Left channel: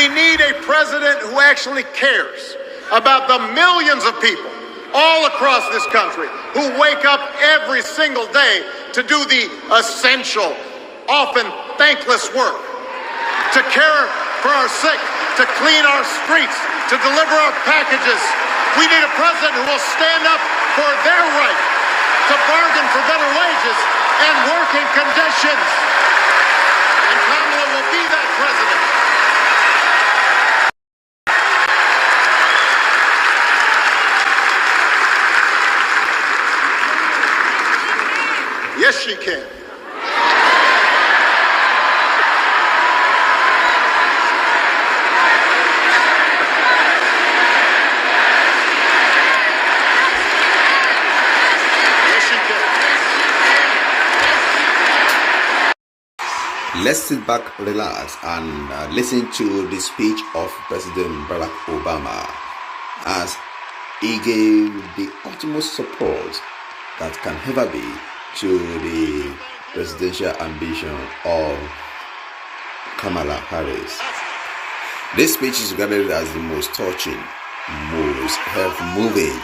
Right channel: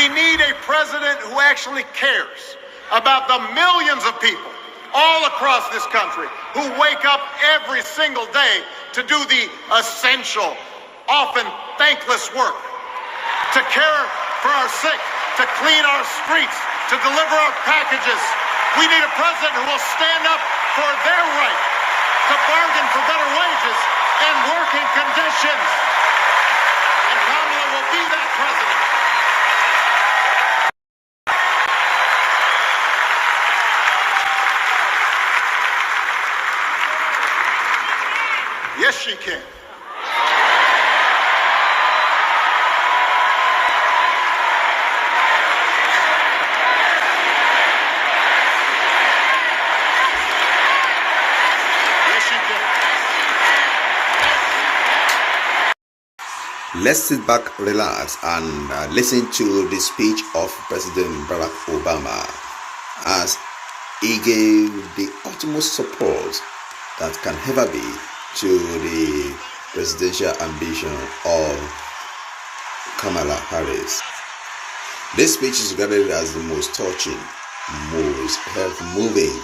We need a president who actually cares about the millions of people all across this country who wake up every single day to do the essential, often thankless work, to care for our sick, to clean our streets, to deliver our packages. We need a president who will stand up for their right to bargain for better wages and working conditions. And Kamala will be that president. Yes, she can. Yes, she can. Let's sit back, relax, and listen to the speech of President Barack Obama as he gave the utmost support that can ever be to the presidential ambition of Kamala Harris. This speech is regarded as the most touching, most heart-moving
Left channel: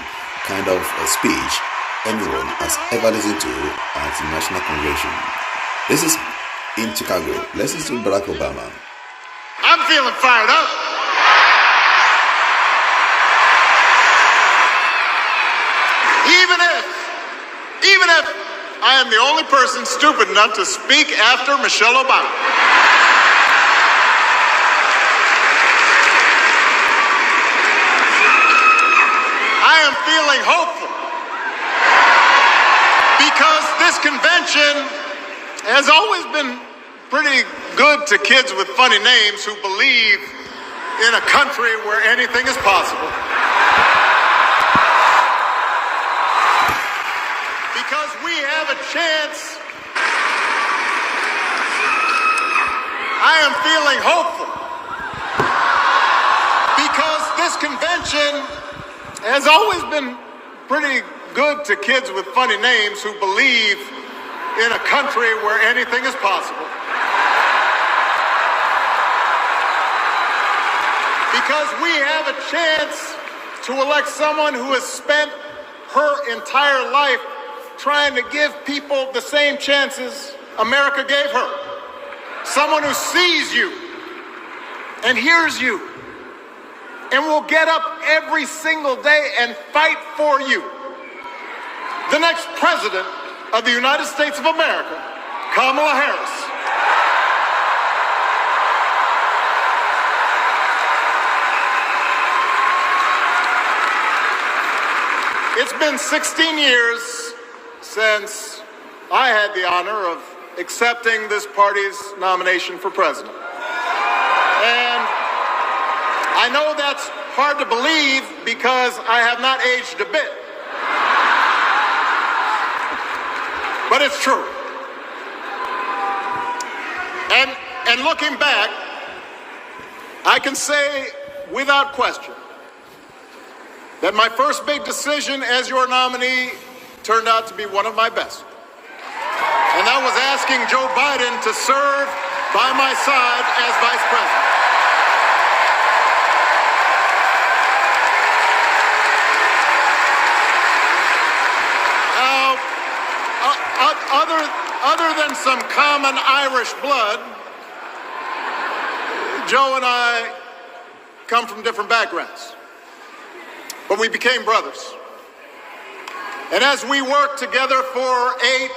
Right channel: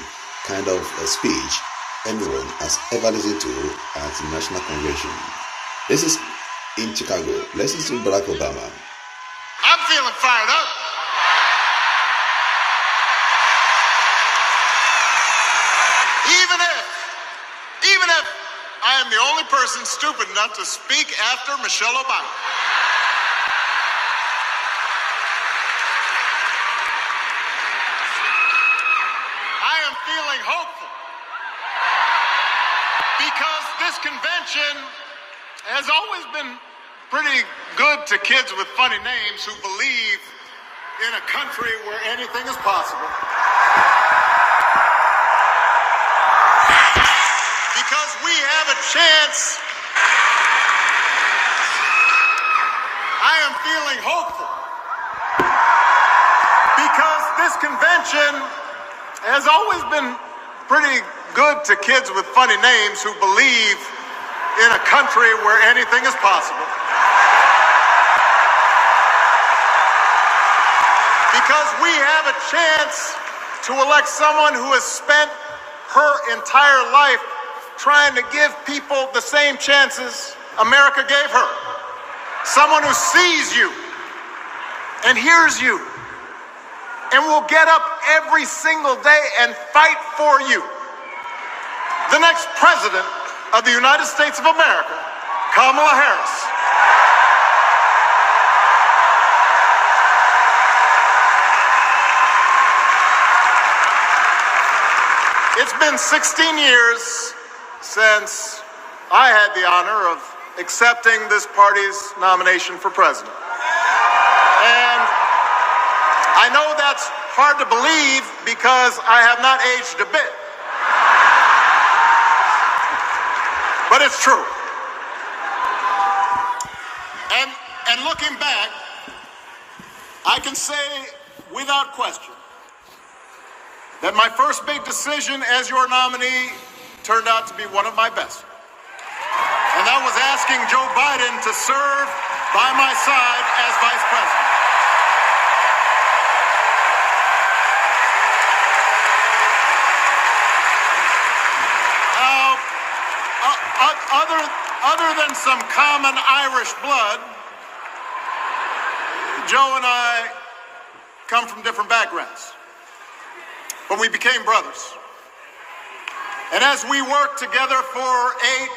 kind of a speech anyone has ever listened to at the National Convention. This is in Chicago. Let's listen to Barack Obama. I'm feeling fired up. Even if I am the only person stupid enough to speak after Michelle Obama. I am feeling hopeful because this convention has always been pretty good to kids with funny names who believe in a country where anything is possible. Because we have a chance. I am feeling hopeful because this convention has always been pretty good to kids with funny names who believe in a country where anything is possible. Because we have a chance to elect someone who has spent her entire life trying to give people the same chances America gave her. Someone who sees you and hears you and will get up every single day and fight for you. The next president of the United States of America, Kamala Harris. It's been 16 years since I had the honor of accepting this party's nomination for president. And I know that's hard to believe because I have not aged a bit. But it's true. And looking back, I can say without question that my first big decision as your nominee turned out to be one of my best. And that was asking Joe Biden to serve by my side as vice president. Other than some common Irish blood, Joe and I come from different backgrounds, but we became brothers. And as we worked together for 8,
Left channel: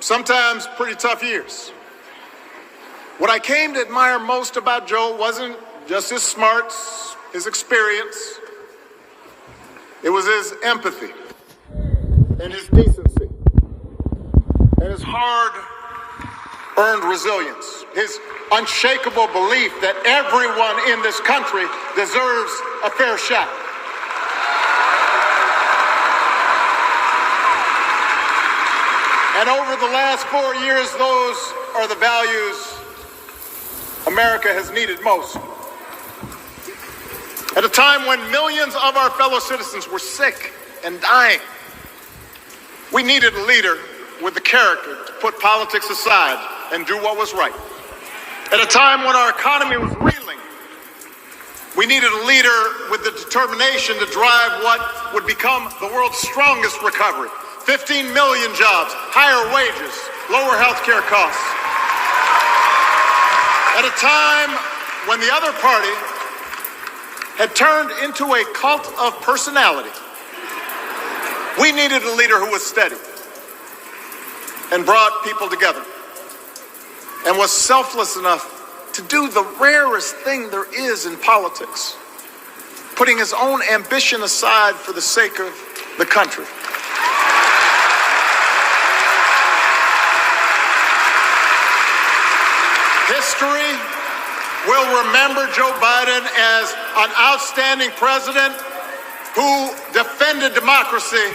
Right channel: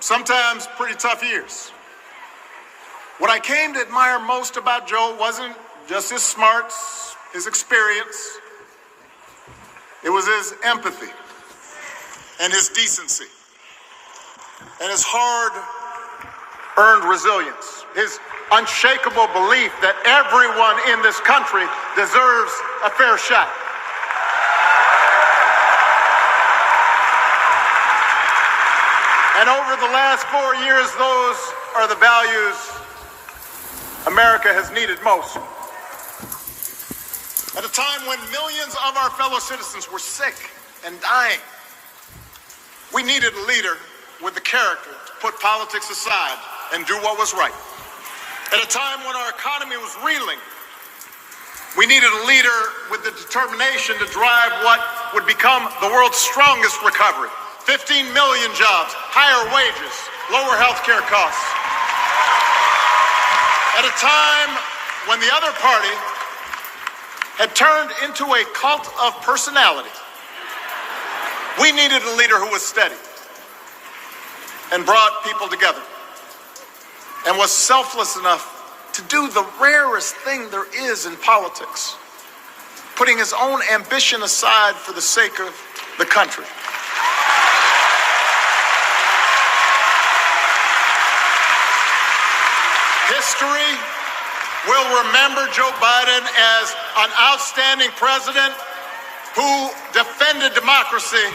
sometimes pretty tough years, what I came to admire most about Joe wasn't just his smarts, his experience. It was his empathy and his decency and his hard-earned resilience, his unshakable belief that everyone in this country deserves a fair shot. And over the last 4 years, those are the values America has needed most. At a time when millions of our fellow citizens were sick and dying, we needed a leader with the character to put politics aside and do what was right. At a time when our economy was reeling We needed a leader with the determination to drive what would become the world's strongest recovery. 15 million jobs, higher wages, lower health care costs. At a time when the other party had turned into a cult of personality, we needed a leader who was steady and brought people together and was selfless enough to do the rarest thing there is in politics, putting his own ambition aside for the sake of the country. History will remember Joe Biden as an outstanding president who defended democracy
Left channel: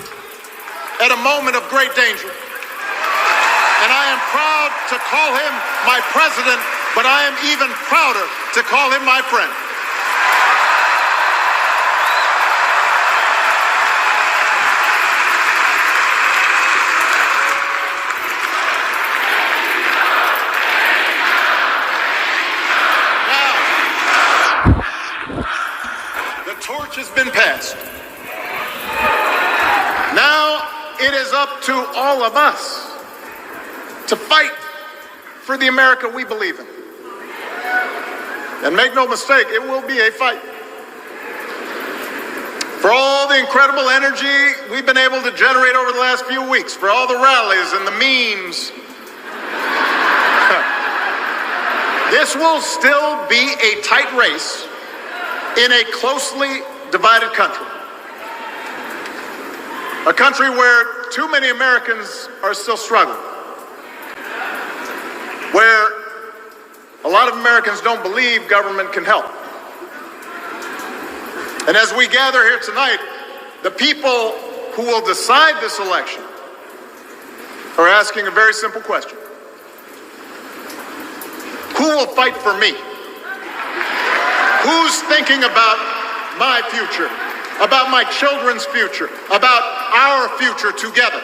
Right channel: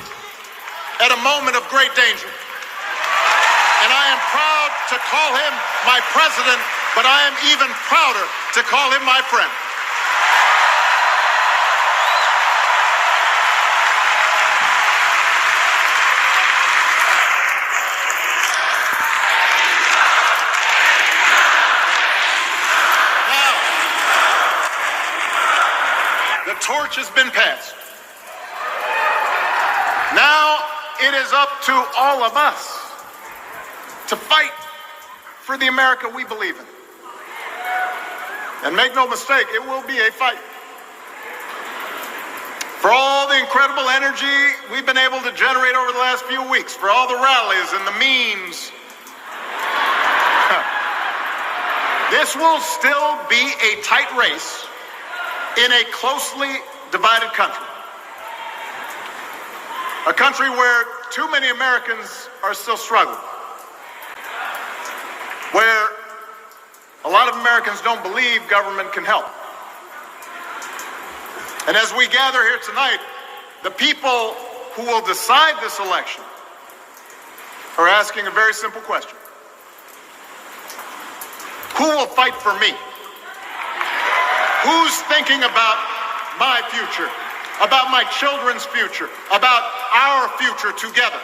at a moment of great danger. And I am proud to call him my president, but I am even prouder to call him my friend. Now, the torch has been passed. Now it is up to all of us to fight for the America we believe in. And make no mistake, it will be a fight. For all the incredible energy we've been able to generate over the last few weeks, for all the rallies and the memes, this will still be a tight race in a closely divided country. A country where too many Americans are still struggling. Where a lot of Americans don't believe government can help. And as we gather here tonight, the people who will decide this election are asking a very simple question. Who will fight for me? Who's thinking about my future, about my children's future, about our future together?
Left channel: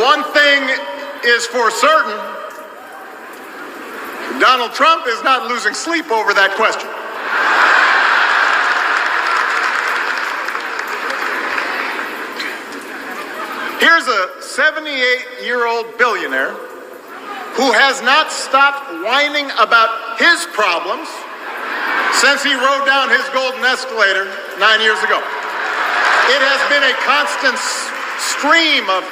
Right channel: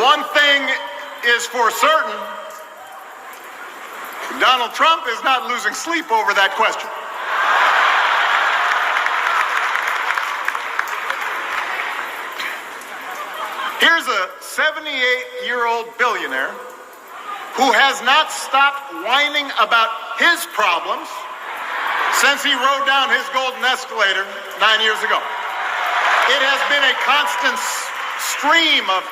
One thing is for certain, Donald Trump is not losing sleep over that question. Here's a 78-year-old billionaire who has not stopped whining about his problems since he rode down his golden escalator 9 years ago. It has been a constant stream of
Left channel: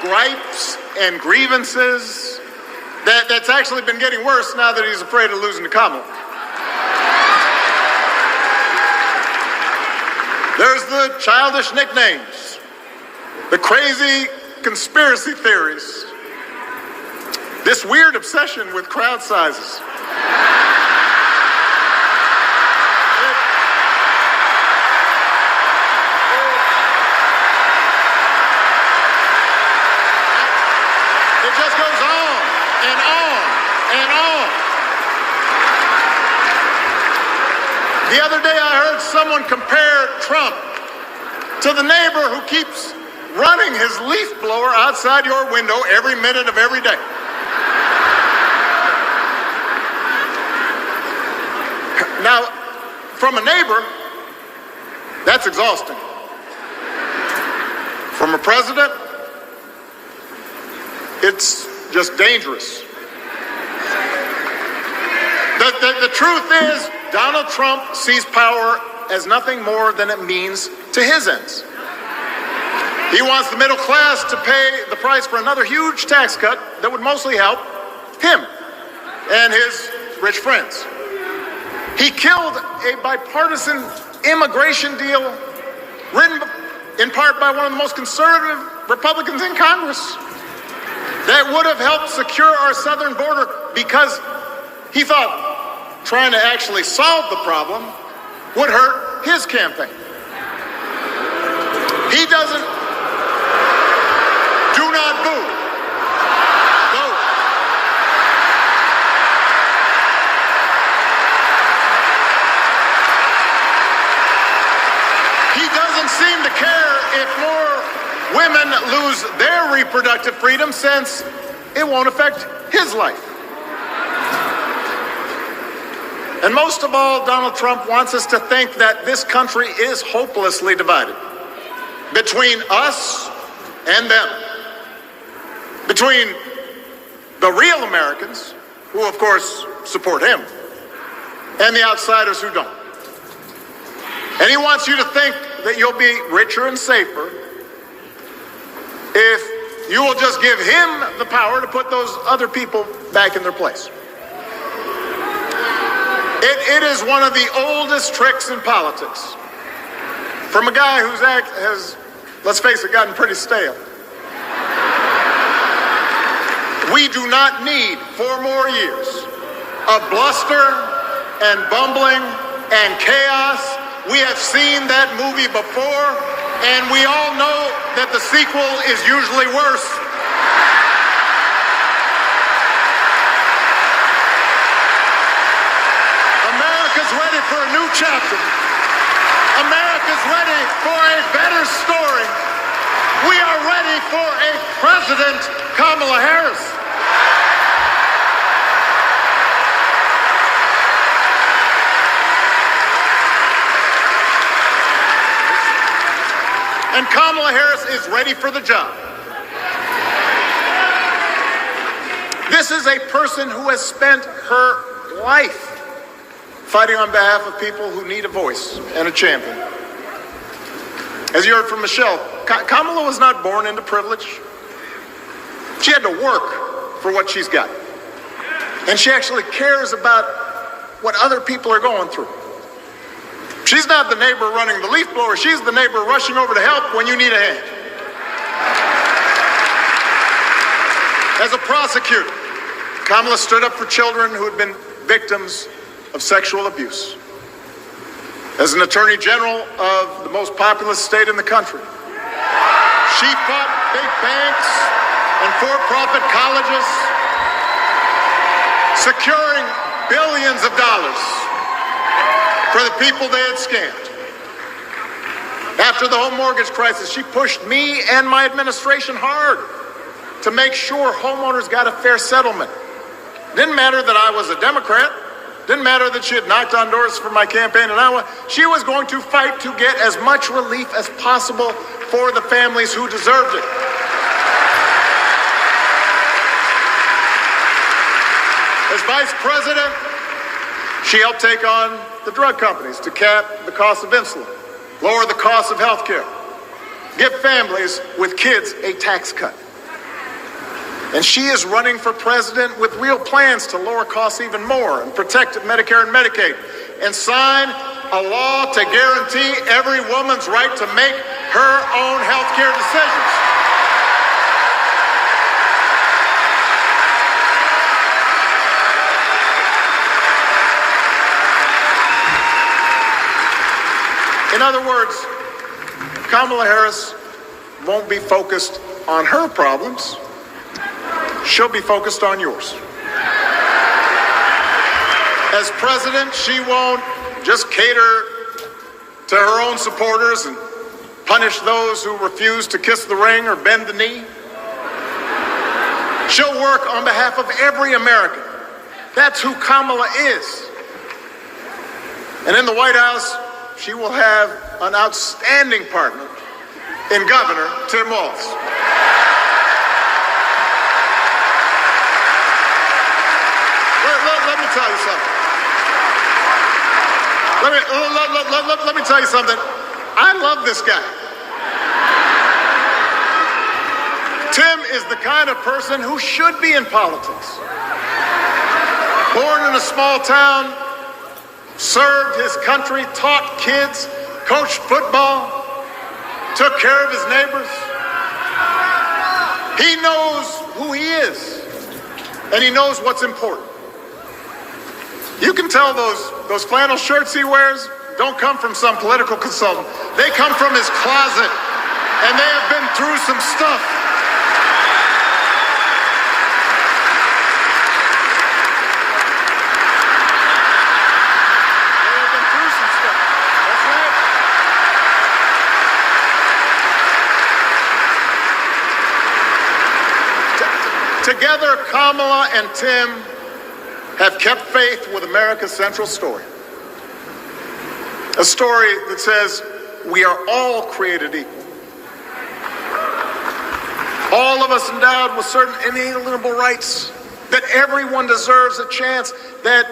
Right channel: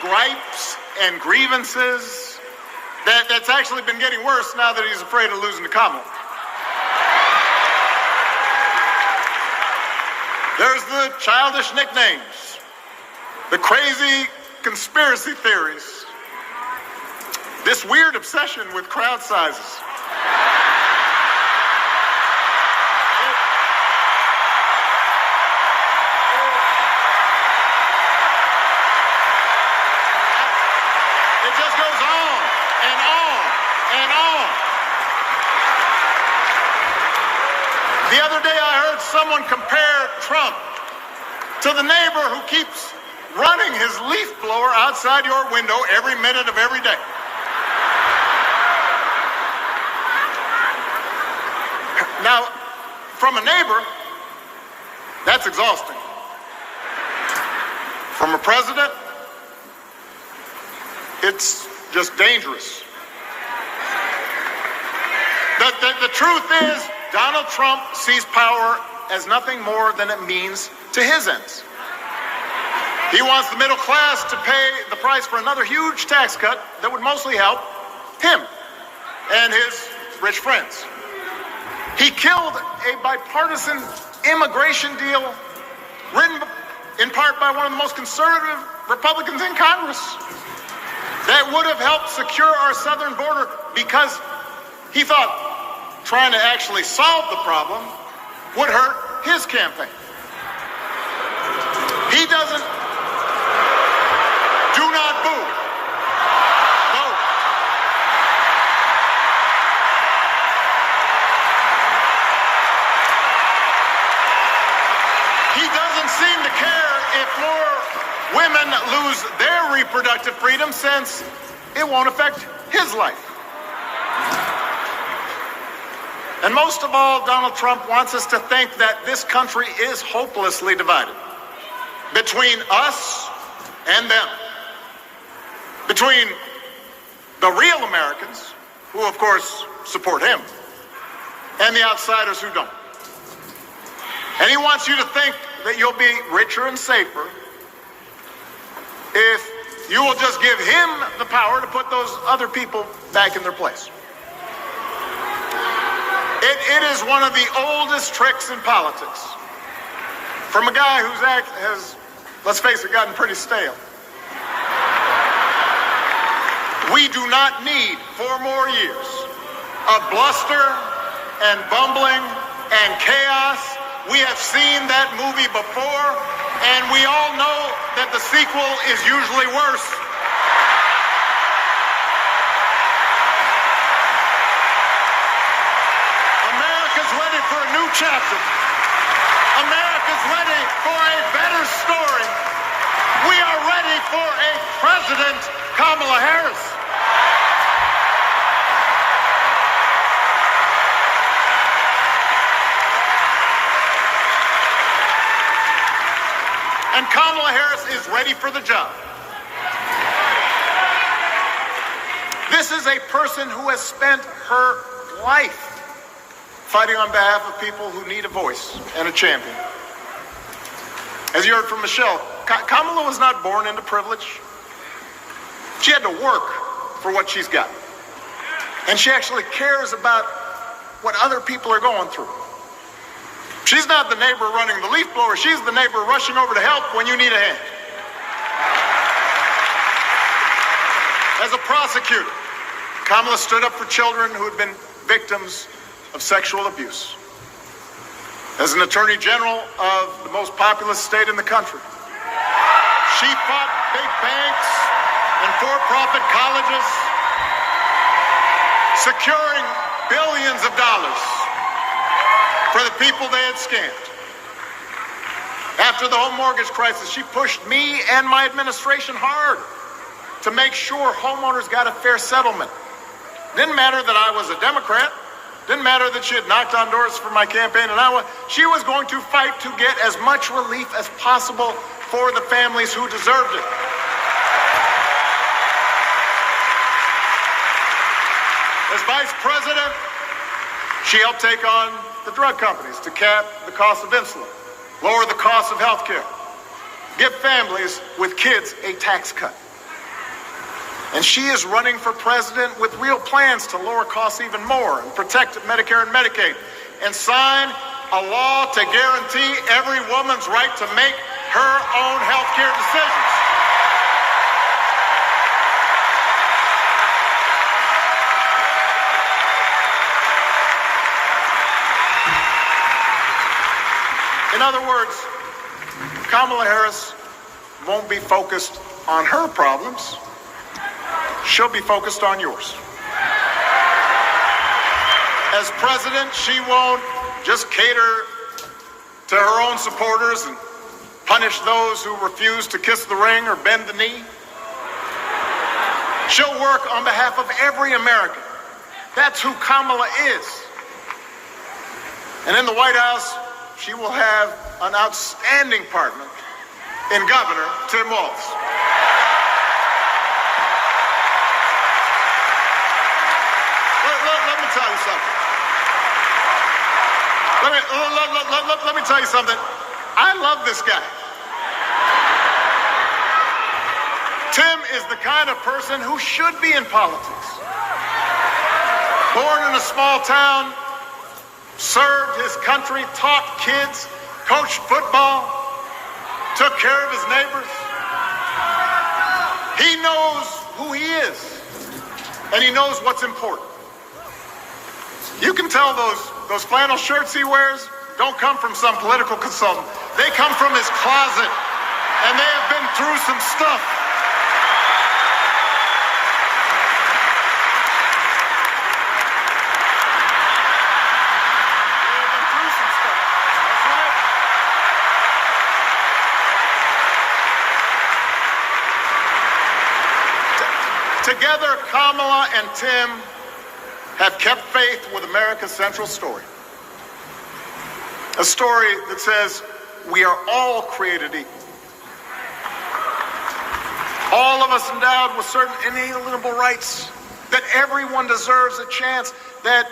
gripes and grievances that's actually been getting worse now that he's afraid of losing to Kamala. There's the childish nicknames, the crazy conspiracy theories, this weird obsession with crowd sizes. It just goes on and on and on. The other day I heard someone compare Trump to the neighbor who keeps running his leaf blower outside your window every minute of every day. Now, from a neighbor, that's exhausting. From a president, it's just dangerous. The truth is, Donald Trump sees power as nothing more than it means to his ends. He wants the middle class to pay the price for another huge tax cut that would mostly help him and his rich friends. He killed a bipartisan immigration deal written in part by one of the most conservative Republicans in Congress that would have helped secure our southern border because he thought trying to actually solve the problem would hurt his campaign. He doesn't. Do not boo. Vote. He doesn't seem to care if more women lose their reproductive freedom since it won't affect his life. And most of all, Donald Trump wants us to think that this country is hopelessly divided between us and them, between the real Americans, who of course support him, and the outsiders who don't. And he wants you to think that you'll be richer and safer if you will just give him the power to put those other people back in their place. It is one of the oldest tricks in politics from a guy whose act has, let's face it, gotten pretty stale. We do not need 4 more years of bluster and bumbling and chaos. We have seen that movie before, and we all know that the sequel is usually worse. America's ready for a new chapter. America's ready for a better story. We are ready for a President Kamala Harris. And Kamala Harris is ready for the job. This is a person who has spent her life fighting on behalf of people who need a voice and a champion. As you heard from Michelle, Kamala was not born into privilege. She had to work for what she's got. And she actually cares about what other people are going through. She's not the neighbor running the leaf blower. She's the neighbor rushing over to help when you need a hand. As a prosecutor, Kamala stood up for children who had been victims of sexual abuse. As an attorney general of the most populous state in the country, she fought big banks and for-profit colleges, securing billions of dollars for the people they had scammed. After the home mortgage crisis, she pushed me and my administration hard to make sure homeowners got a fair settlement. Didn't matter that I was a Democrat. Didn't matter that she had knocked on doors for my campaign in Iowa. She was going to fight to get as much relief as possible for the families who deserved it. As vice president, she helped take on the drug companies to cap the cost of insulin, lower the cost of health care, give families with kids a tax cut. And she is running for president with real plans to lower costs even more and protect Medicare and Medicaid and sign a law to guarantee every woman's right to make her own health care decisions. In other words, Kamala Harris won't be focused on her problems. She'll be focused on yours. As president, she won't just cater to her own supporters and punish those who refuse to kiss the ring or bend the knee. She'll work on behalf of every American. That's who Kamala is. And in the White House, she will have an outstanding partner in Governor Tim Walz. Let me tell you something. Let me tell you something. I love this guy. Tim is the kind of person who should be in politics. Born in a small town, served his country, taught kids, coached football, took care of his neighbors. He knows who he is, and he knows what's important. You can tell those flannel shirts he wears don't come from some political consultant. They come from his closet, and they have been through some stuff. They have been through some stuff. That's right. Together, Kamala and Tim have kept faith with America's central story. A story that says we are all created equal. All of us endowed with certain inalienable rights, that everyone deserves a chance, that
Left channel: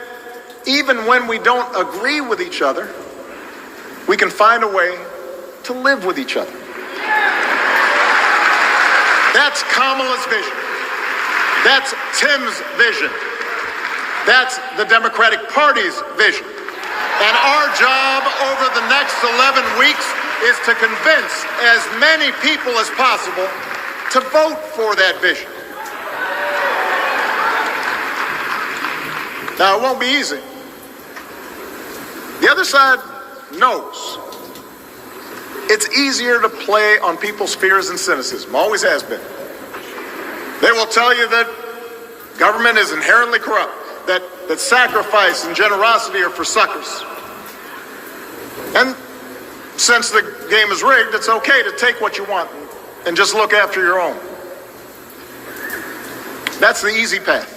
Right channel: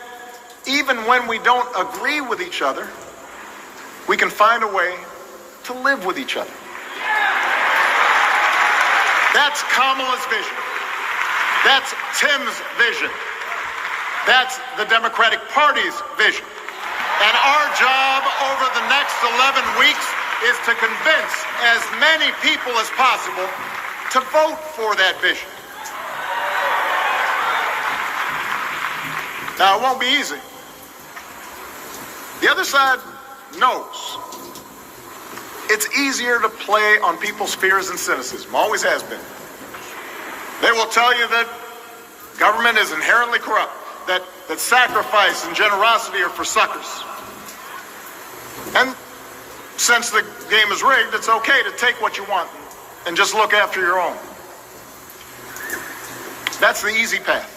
even when we don't agree with each other, we can find a way to live with each other. That's Kamala's vision. That's Tim's vision. That's the Democratic Party's vision. And our job over the next 11 weeks is to convince as many people as possible to vote for that vision. Now, it won't be easy. The other side knows it's easier to play on people's fears and cynicism, always has been. They will tell you that government is inherently corrupt, that sacrifice and generosity are for suckers. And since the game is rigged, it's okay to take what you want and just look after your own. That's the easy path.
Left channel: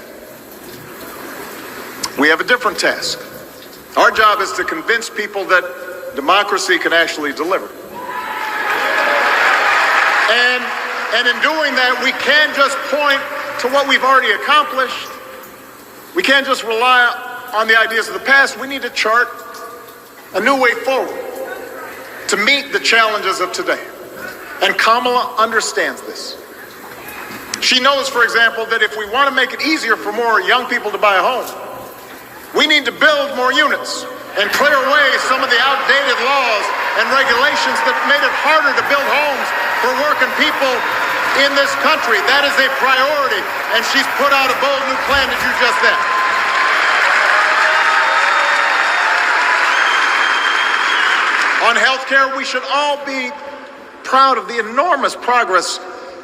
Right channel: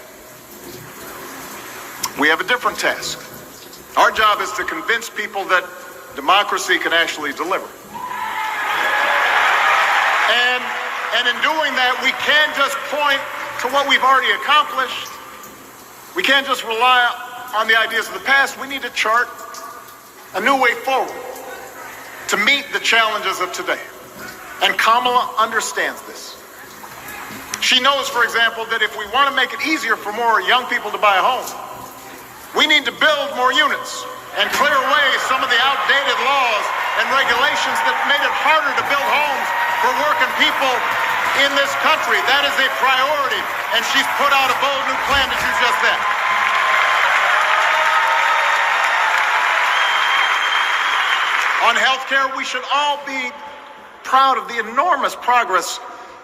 We have a different task. Our job is to convince people that democracy can actually deliver. And in doing that, we can't just point to what we've already accomplished. We can't just rely on the ideas of the past. We need to chart a new way forward to meet the challenges of today. And Kamala understands this. She knows, for example, that if we want to make it easier for more young people to buy a home, we need to build more units and clear away some of the outdated laws and regulations that made it harder to build homes for working people in this country. That is a priority, and she's put out a bold new plan to do just that. On health care, we should all be proud of the enormous progress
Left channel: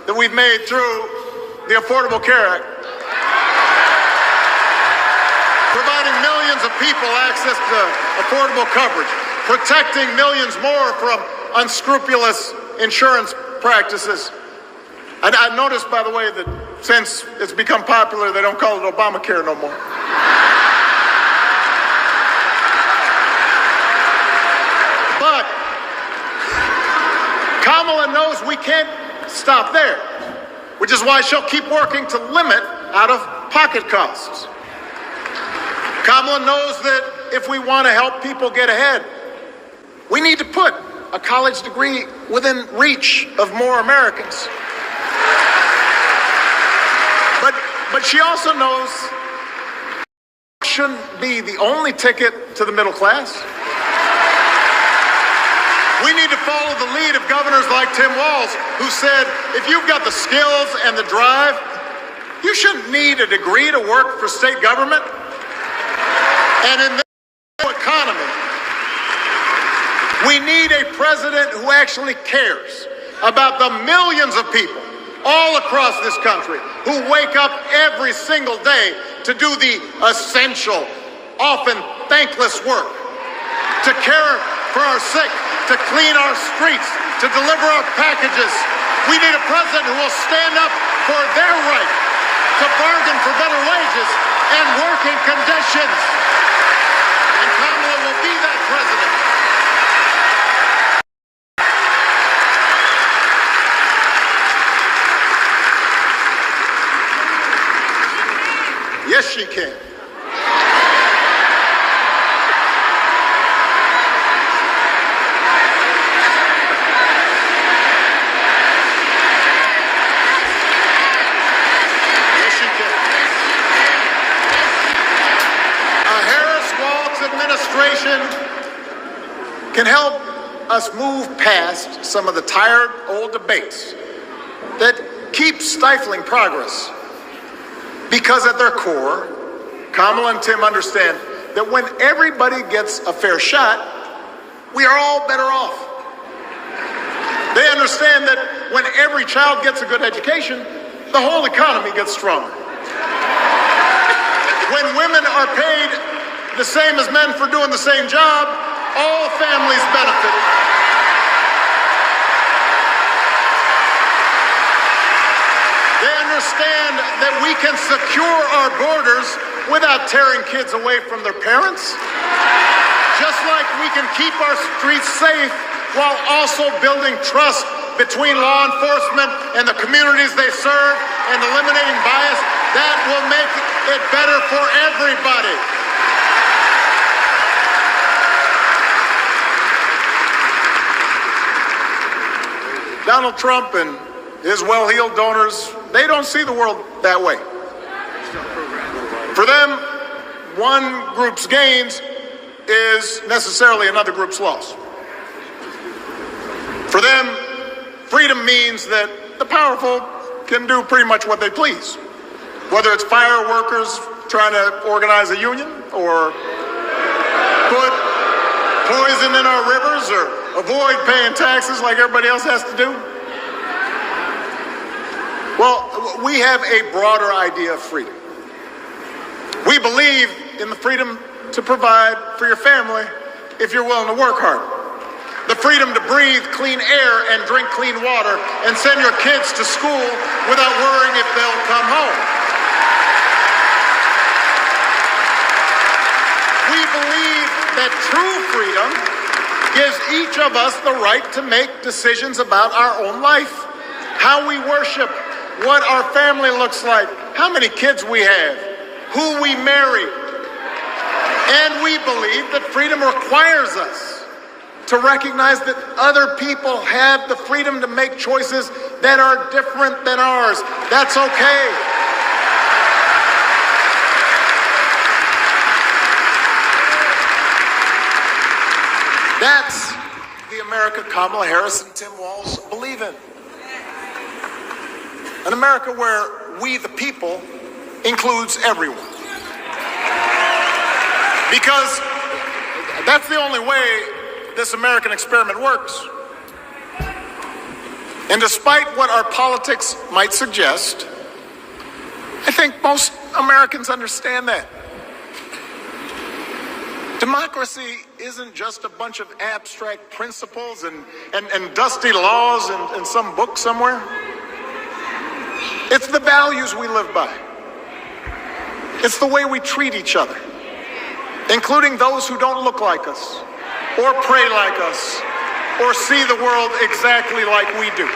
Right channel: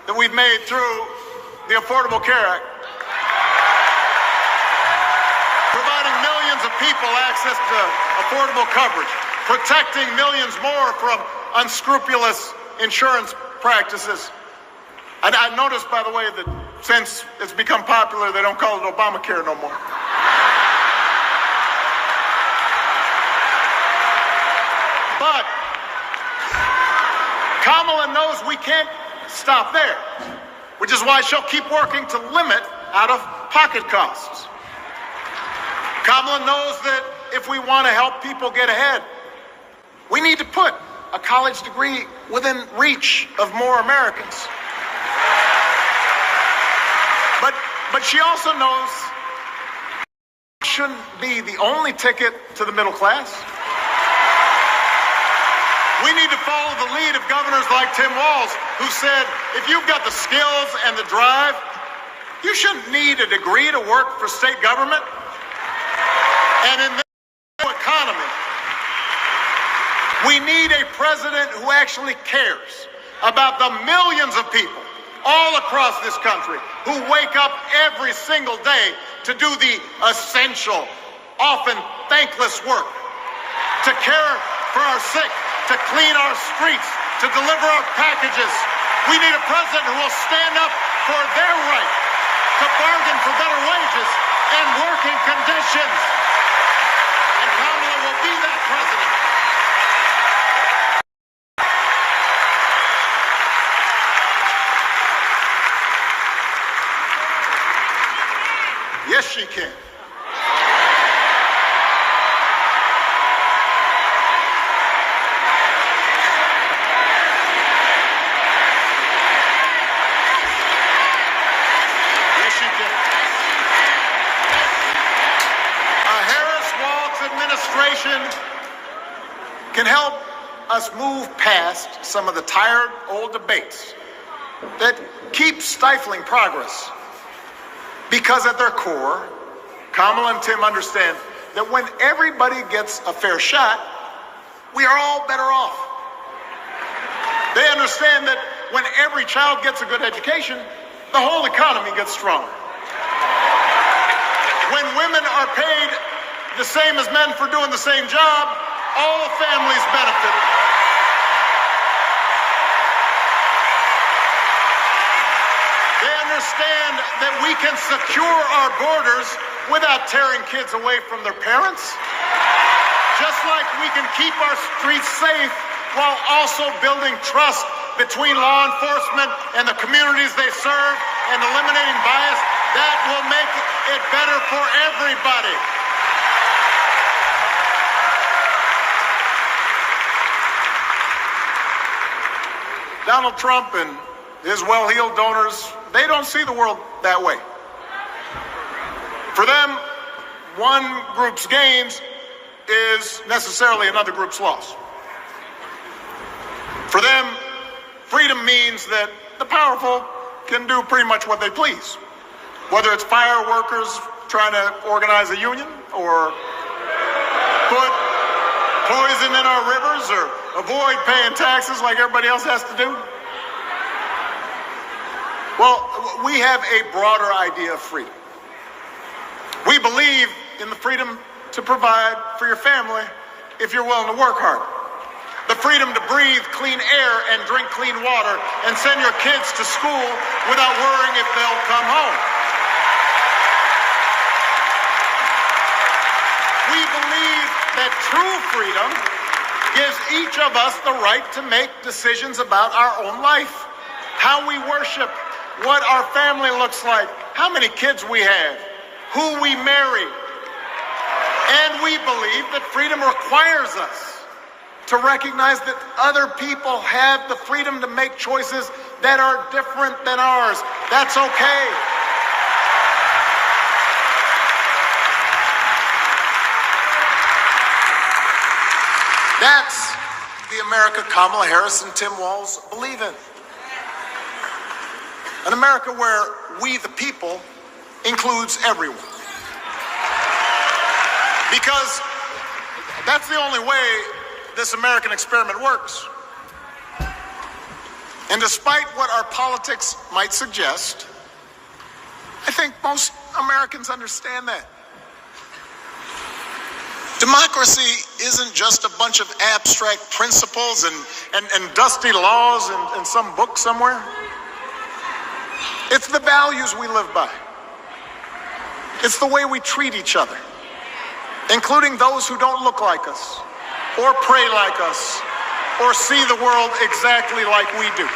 that we've made through the Affordable Care Act, providing millions of people access to affordable coverage, protecting millions more from unscrupulous insurance practices. I noticed, by the way, that since it's become popular, they don't call it Obamacare no more. But Kamala knows we can't stop there, which is why she'll keep working to limit out-of-pocket costs. Kamala knows that if we want to help people get ahead, we need to put a college degree within reach of more Americans. But she also knows it shouldn't be the only ticket to the middle class. We need to follow the lead of governors like Tim Walz, who said, if you've got the skills and the drive, you shouldn't need a degree to work for state government. And in this economy, we need a president who actually cares about the millions of people all across this country who wake up every single day to do the essential, often thankless work, to care for our sick, to clean our streets, to deliver our packages. We need a president who will stand up for their right to bargain for better wages and working conditions. And Kamala will be that president. Yes, she can. Harris-Walz administration can help us move past some of the tired old debates that keep stifling progress. Because at their core, Kamala and Tim understand that when everybody gets a fair shot, we are all better off. They understand that when every child gets a good education, the whole economy gets stronger. When women are paid the same as men for doing the same job, all families benefit. They understand that we can secure our borders without tearing kids away from their parents. Just like we can keep our streets safe while also building trust between law enforcement and the communities they serve and eliminating bias, that will make it better for everybody. Donald Trump and his well-heeled donors, they don't see the world that way. For them, one group's gains is necessarily another group's loss. For them, freedom means that the powerful can do pretty much what they please. Whether it's fire workers trying to organize a union, or put poison in our rivers, or avoid paying taxes like everybody else has to do. Well, we have a broader idea of freedom. We believe in the freedom to provide for your family if you're willing to work hard. The freedom to breathe clean air and drink clean water and send your kids to school without worrying if they'll come home. We believe that true freedom gives each of us the right to make decisions about our own life, how we worship, what our family looks like, how many kids we have, who we marry. And we believe that freedom requires us to recognize that other people have the freedom to make choices that are different than ours. That's okay. That's the America Kamala Harris and Tim Walz believe in. An America where we, the people, includes everyone. Because that's the only way this American experiment works. And despite what our politics might suggest, I think most Americans understand that. Democracy isn't just a bunch of abstract principles and dusty laws in some book somewhere. It's the values we live by. It's the way we treat each other, including those who don't look like us, or pray like us, or see the world exactly like we do.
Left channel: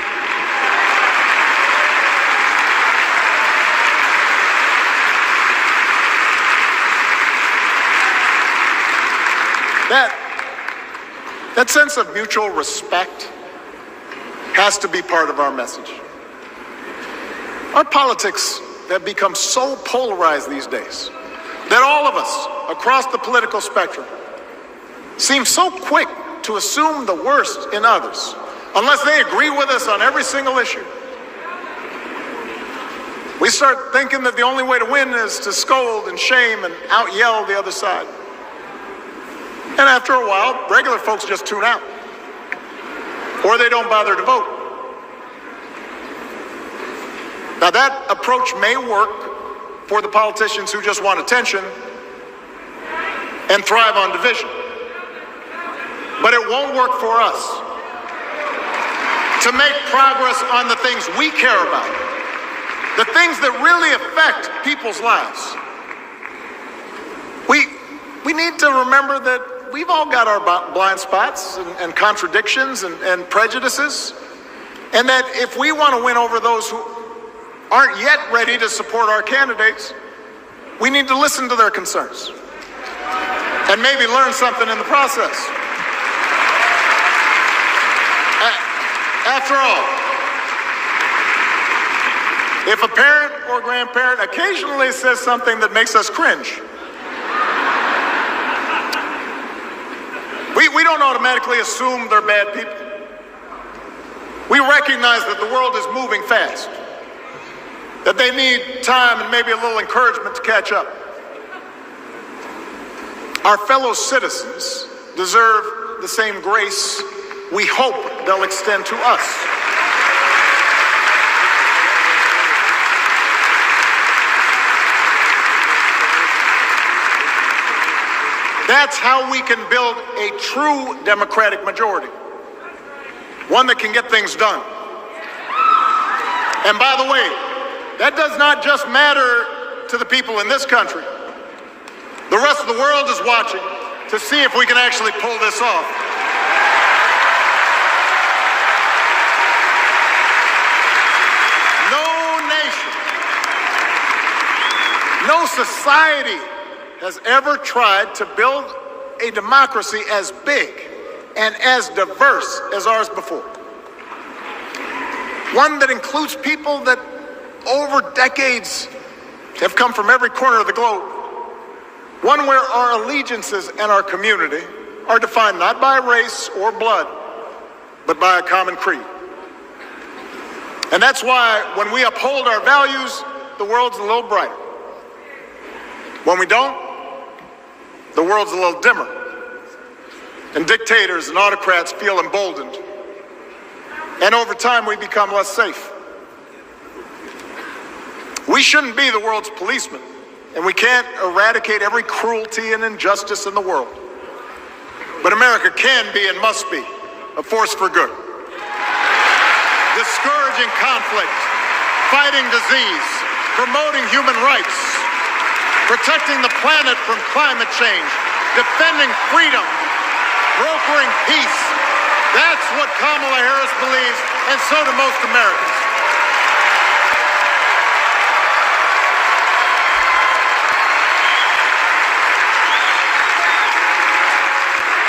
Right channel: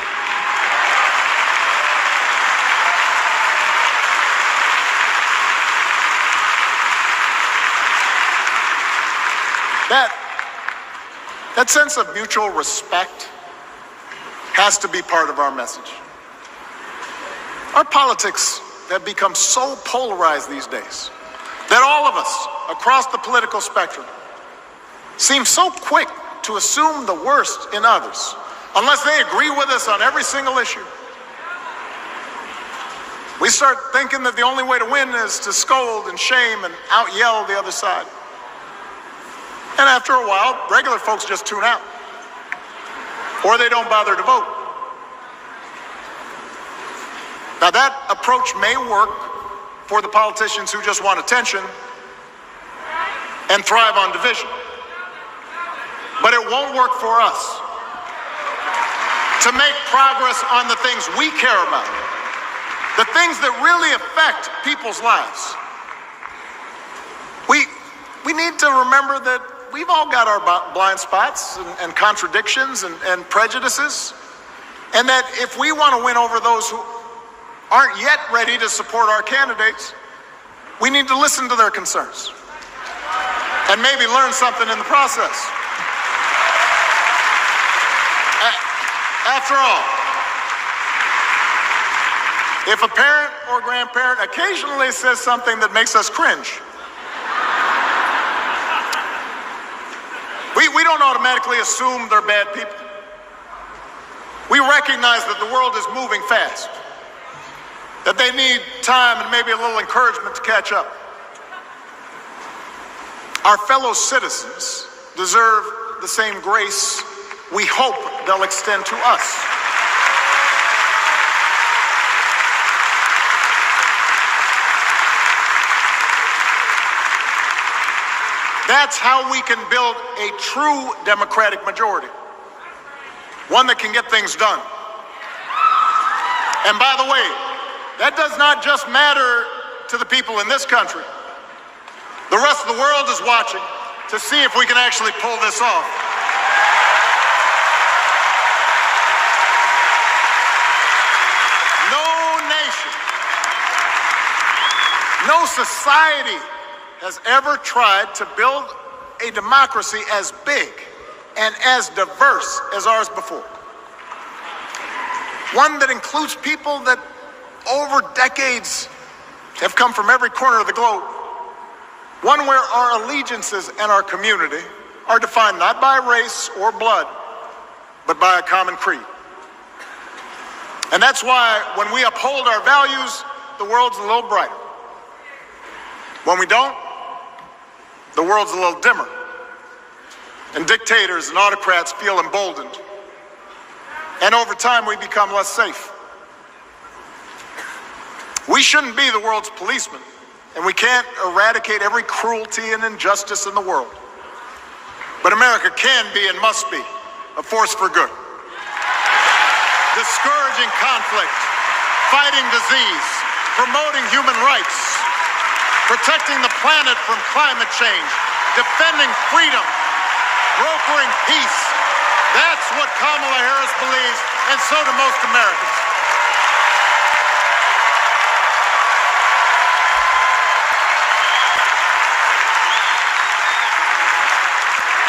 That sense of mutual respect has to be part of our message. Our politics have become so polarized these days that all of us across the political spectrum seem so quick to assume the worst in others, unless they agree with us on every single issue. We start thinking that the only way to win is to scold and shame and out-yell the other side. And after a while, regular folks just tune out, or they don't bother to vote. Now, that approach may work for the politicians who just want attention and thrive on division, but it won't work for us to make progress on the things we care about, the things that really affect people's lives. We need to remember that we've all got our blind spots and contradictions and prejudices, and that if we want to win over those who aren't yet ready to support our candidates, we need to listen to their concerns and maybe learn something in the process. After all, if a parent or grandparent occasionally says something that makes us cringe, we don't automatically assume they're bad people. We recognize that the world is moving fast, that they need time and maybe a little encouragement to catch up. Our fellow citizens deserve the same grace we hope they'll extend to us. That's how we can build a true democratic majority, one that can get things done. And by the way, that does not just matter to the people in this country. The rest of the world is watching to see if we can actually pull this off. No nation, no society has ever tried to build a democracy as big and as diverse as ours before. One that includes people that over decades have come from every corner of the globe. One where our allegiances and our community are defined not by race or blood, but by a common creed. And that's why when we uphold our values, the world's a little brighter. When we don't, the world's a little dimmer. And dictators and autocrats feel emboldened. And over time, we become less safe. We shouldn't be the world's policemen, and we can't eradicate every cruelty and injustice in the world. But America can be and must be a force for good. Discouraging conflict, fighting disease, promoting human rights, protecting the planet from climate change, defending freedom, brokering peace. That's what Kamala Harris believes, and so do most Americans.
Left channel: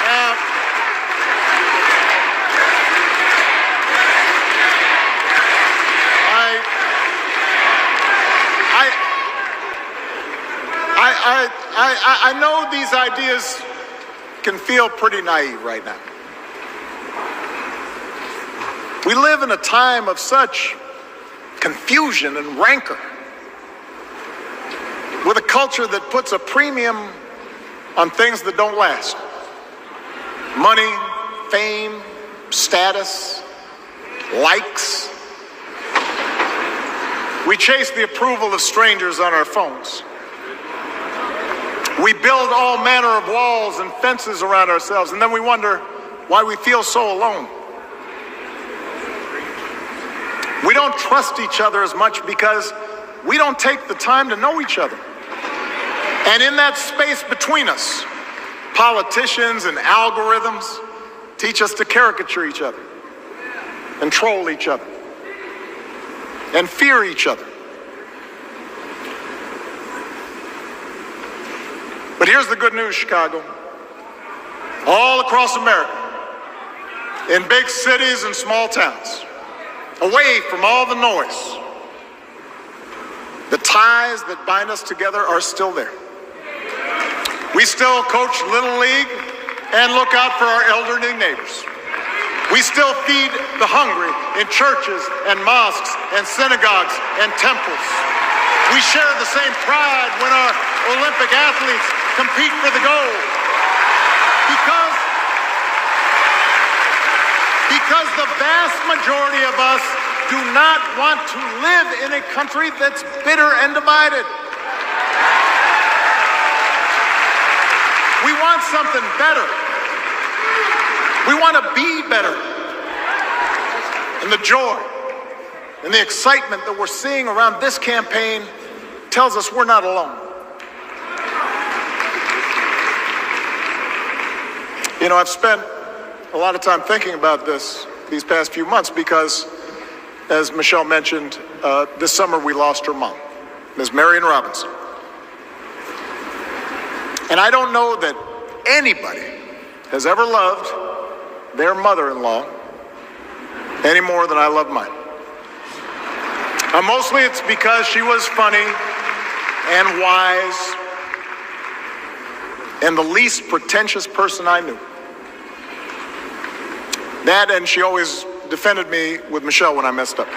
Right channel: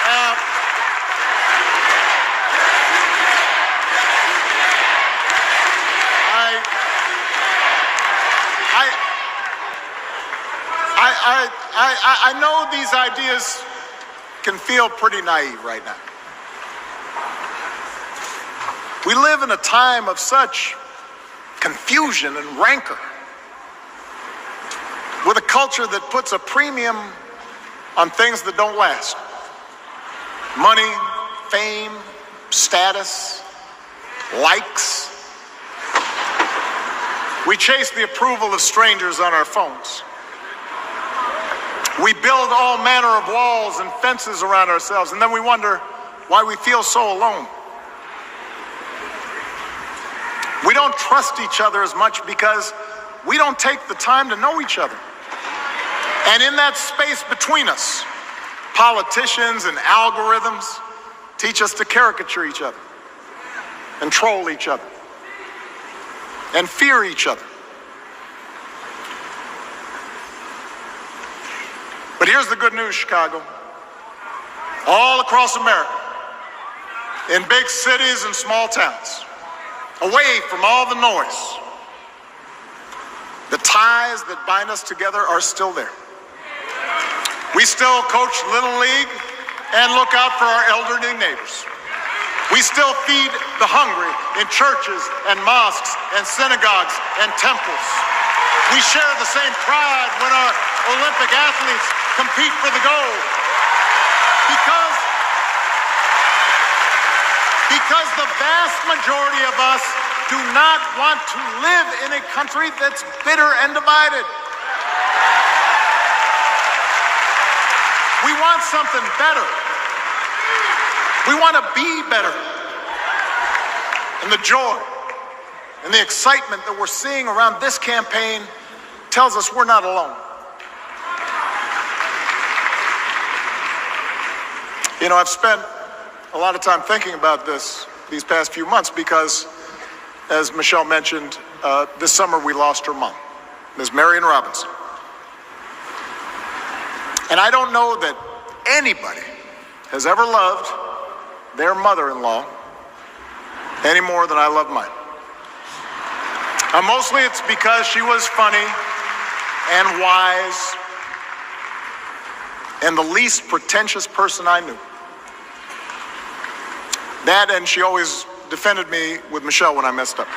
Now, I know these ideas can feel pretty naive right now. We live in a time of such confusion and rancor, with a culture that puts a premium on things that don't last. Money, fame, status, likes. We chase the approval of strangers on our phones. We build all manner of walls and fences around ourselves, and then we wonder why we feel so alone. We don't trust each other as much because we don't take the time to know each other. And in that space between us, politicians and algorithms teach us to caricature each other and troll each other and fear each other. But here's the good news, Chicago. All across America, in big cities and small towns, away from all the noise, the ties that bind us together are still there. We still coach Little League and look out for our elderly neighbors. We still feed the hungry in churches and mosques and synagogues and temples. We share the same pride when our Olympic athletes compete for the gold. Because the vast majority of us do not want to live in a country that's bitter and divided. We want something better. We want to be better. And the joy and the excitement that we're seeing around this campaign tells us we're not alone. You know, I've spent a lot of time thinking about these past few months because, as Michelle mentioned, this summer we lost her mom, Ms. Marion Robinson. And I don't know that anybody has ever loved their mother-in-law any more than I love mine. Mostly it's because she was funny and wise and the least pretentious person I knew. That, and she always defended me with Michelle when I messed up.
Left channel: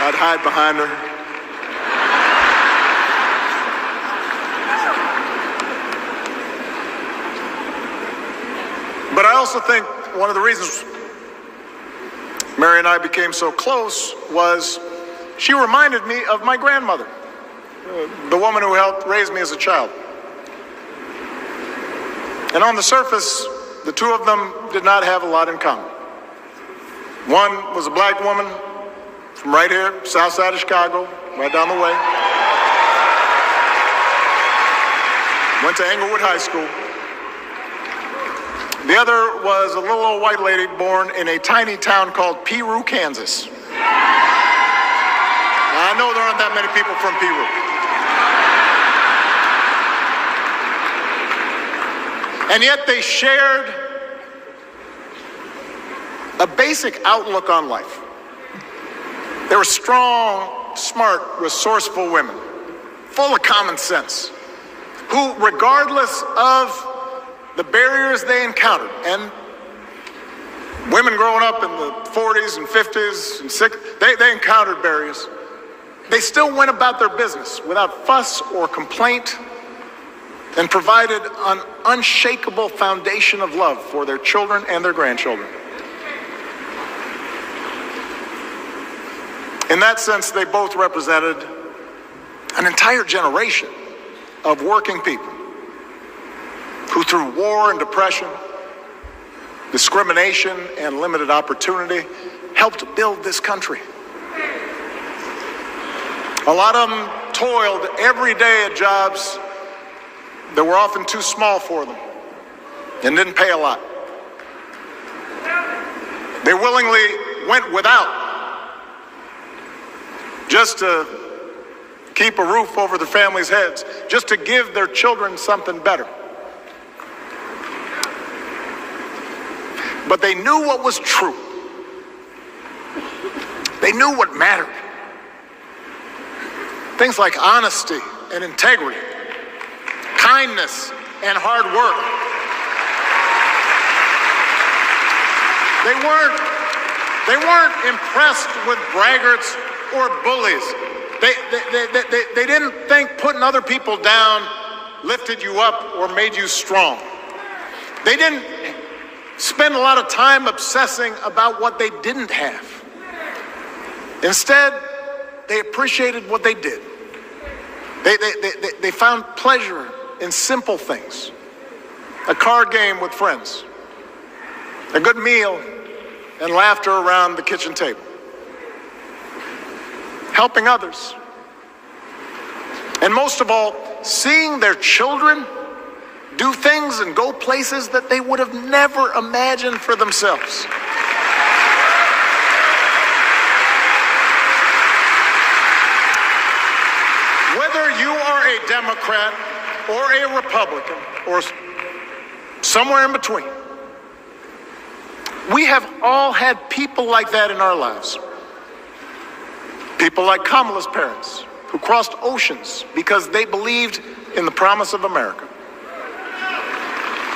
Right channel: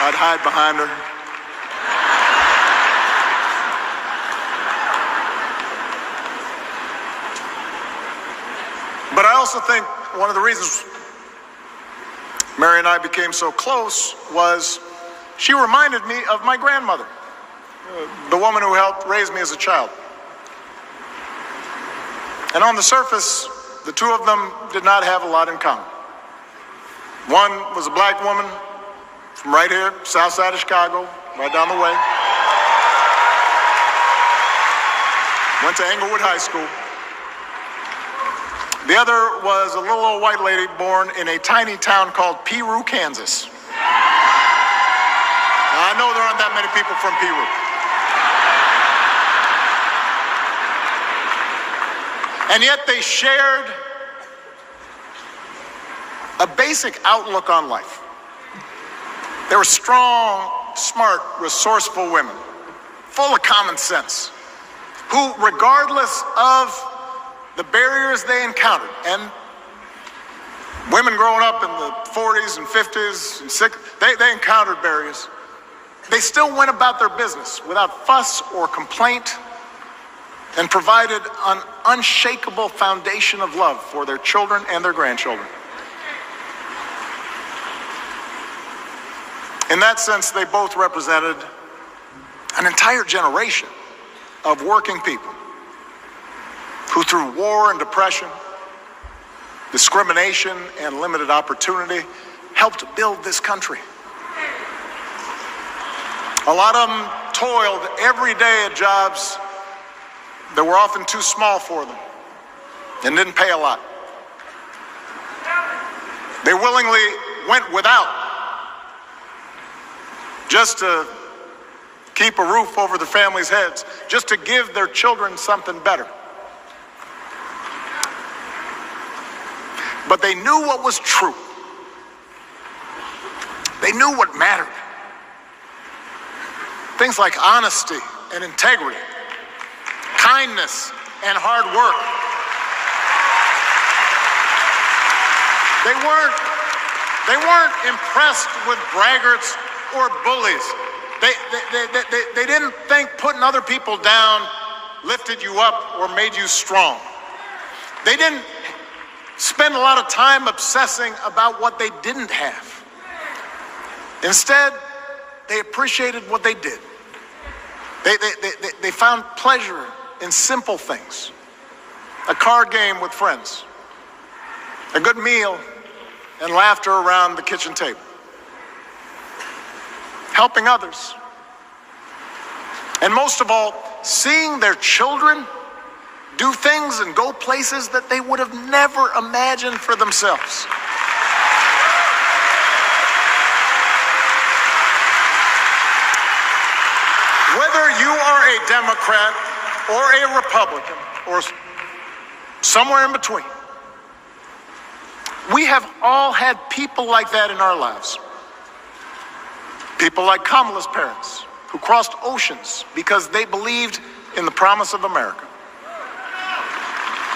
I'd hide behind her. But I also think one of the reasons Mary and I became so close was she reminded me of my grandmother, the woman who helped raise me as a child. And on the surface, the two of them did not have a lot in common. One was a black woman from right here, south side of Chicago, right down the way. went to Englewood High School. The other was a little old white lady born in a tiny town called Peru, Kansas. Now, I know there aren't that many people from Peru. And yet they shared a basic outlook on life. They were strong, smart, resourceful women, full of common sense, who, regardless of the barriers they encountered, and women growing up in the 40s and 50s and 60s, they encountered barriers. They still went about their business without fuss or complaint and provided an unshakable foundation of love for their children and their grandchildren. In that sense, they both represented an entire generation of working people who, through war and depression, discrimination and limited opportunity, helped build this country. A lot of them toiled every day at jobs that were often too small for them and didn't pay a lot. They willingly went without just to keep a roof over their families' heads, just to give their children something better. But they knew what was true. They knew what mattered. Things like honesty and integrity, kindness and hard work. They weren't impressed with braggarts or bullies. They didn't think putting other people down lifted you up or made you strong. They didn't spend a lot of time obsessing about what they didn't have. Instead, they appreciated what they did. They found pleasure in simple things. A card game with friends, a good meal, and laughter around the kitchen table. Helping others. And most of all, seeing their children do things and go places that they would have never imagined for themselves. Whether you are a Democrat or a Republican or somewhere in between, we have all had people like that in our lives. People like Kamala's parents, who crossed oceans because they believed in the promise of America.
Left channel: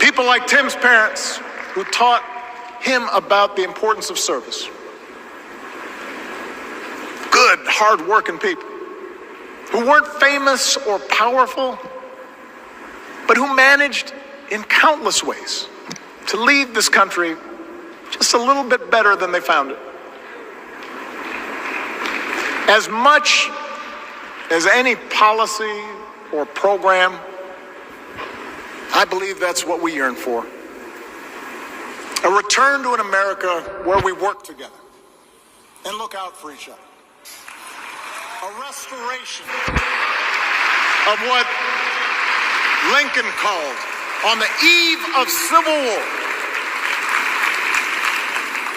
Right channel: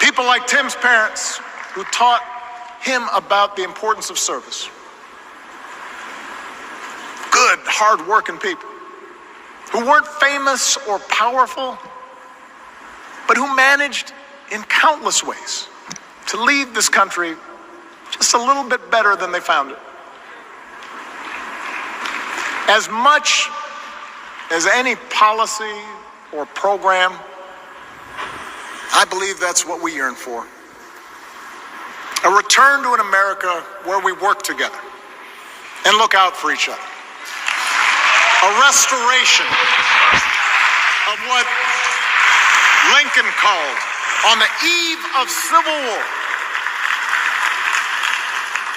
People like Tim's parents, who taught him about the importance of service. Good, hard-working people who weren't famous or powerful, but who managed in countless ways to leave this country just a little bit better than they found it. As much as any policy or program, I believe that's what we yearn for. A return to an America where we work together and look out for each other. A restoration of what Lincoln called, on the eve of Civil War,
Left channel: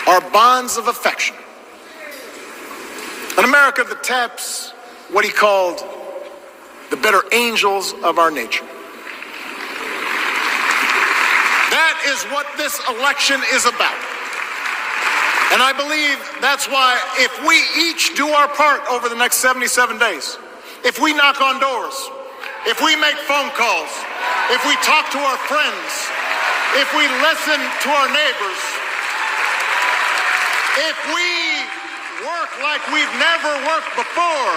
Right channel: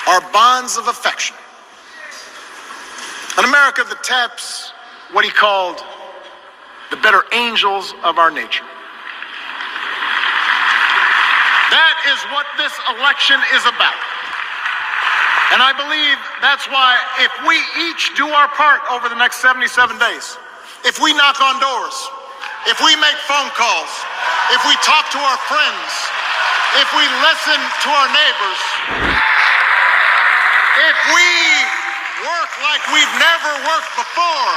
our bonds of affection. An America that taps what he called the better angels of our nature. That is what this election is about. And I believe that's why if we each do our part over the next 77 days, if we knock on doors, if we make phone calls, if we talk to our friends, if we listen to our neighbors, if we work like we've never worked before,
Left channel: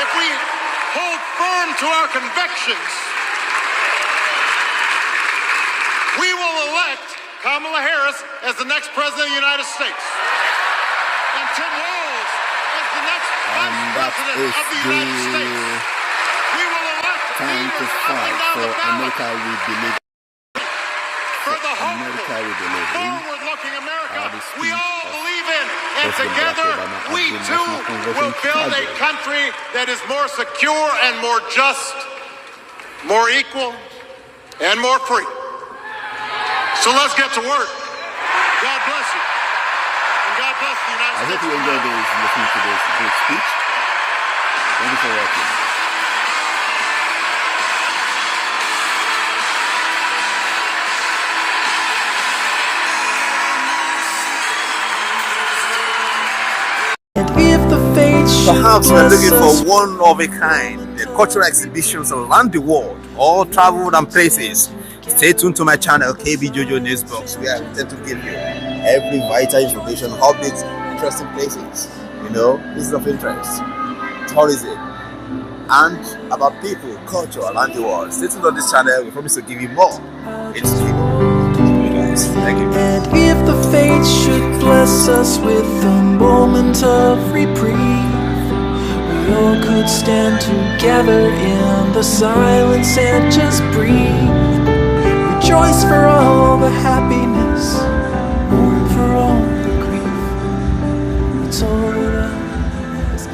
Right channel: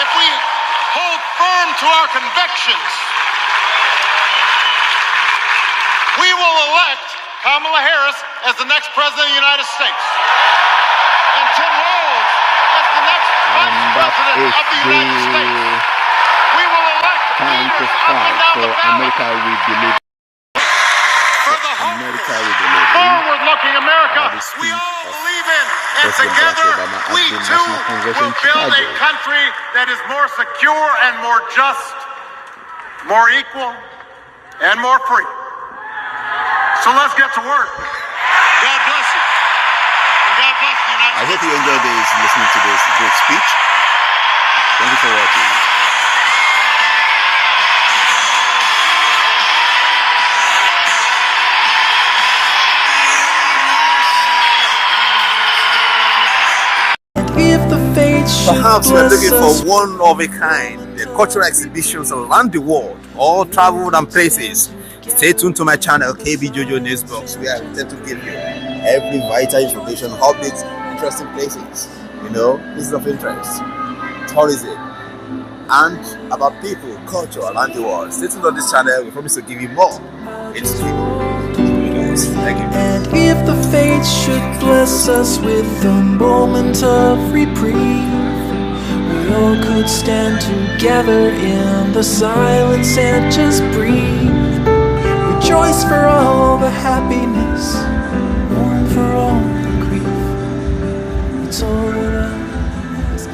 if we hold firm to our convictions, we will elect Kamala Harris as the next president of the United States, and Tim Walz as the next vice president of the United States. We will elect leaders up and down the ballot. America we believe. For the hopeful, forward-looking America we all believe in, and together we too will build a country that is more secure and more just more equal, and more free. So let's get to work. God bless you. And God bless the United I States. hope you enjoyed listening to this great speech. Thank you for watching. If the fates should Perhaps we're bless looking us for one of a kind, the cultural exhibitions around the world, all traveled and places. Stay tuned to my channel, KB Jojo Newsbox, where I intend to give you every vital information, updates, interesting places, places of interest, tourism, and about people, culture around the world. Stay tuned on this channel. We promise to give you more. It's Thank you. And if the fates should bless us with a moment of reprieve, we all could stand together in the silence and just breathe. Rejoice for all the happiness, mourn for all the grief. It's all that I ask.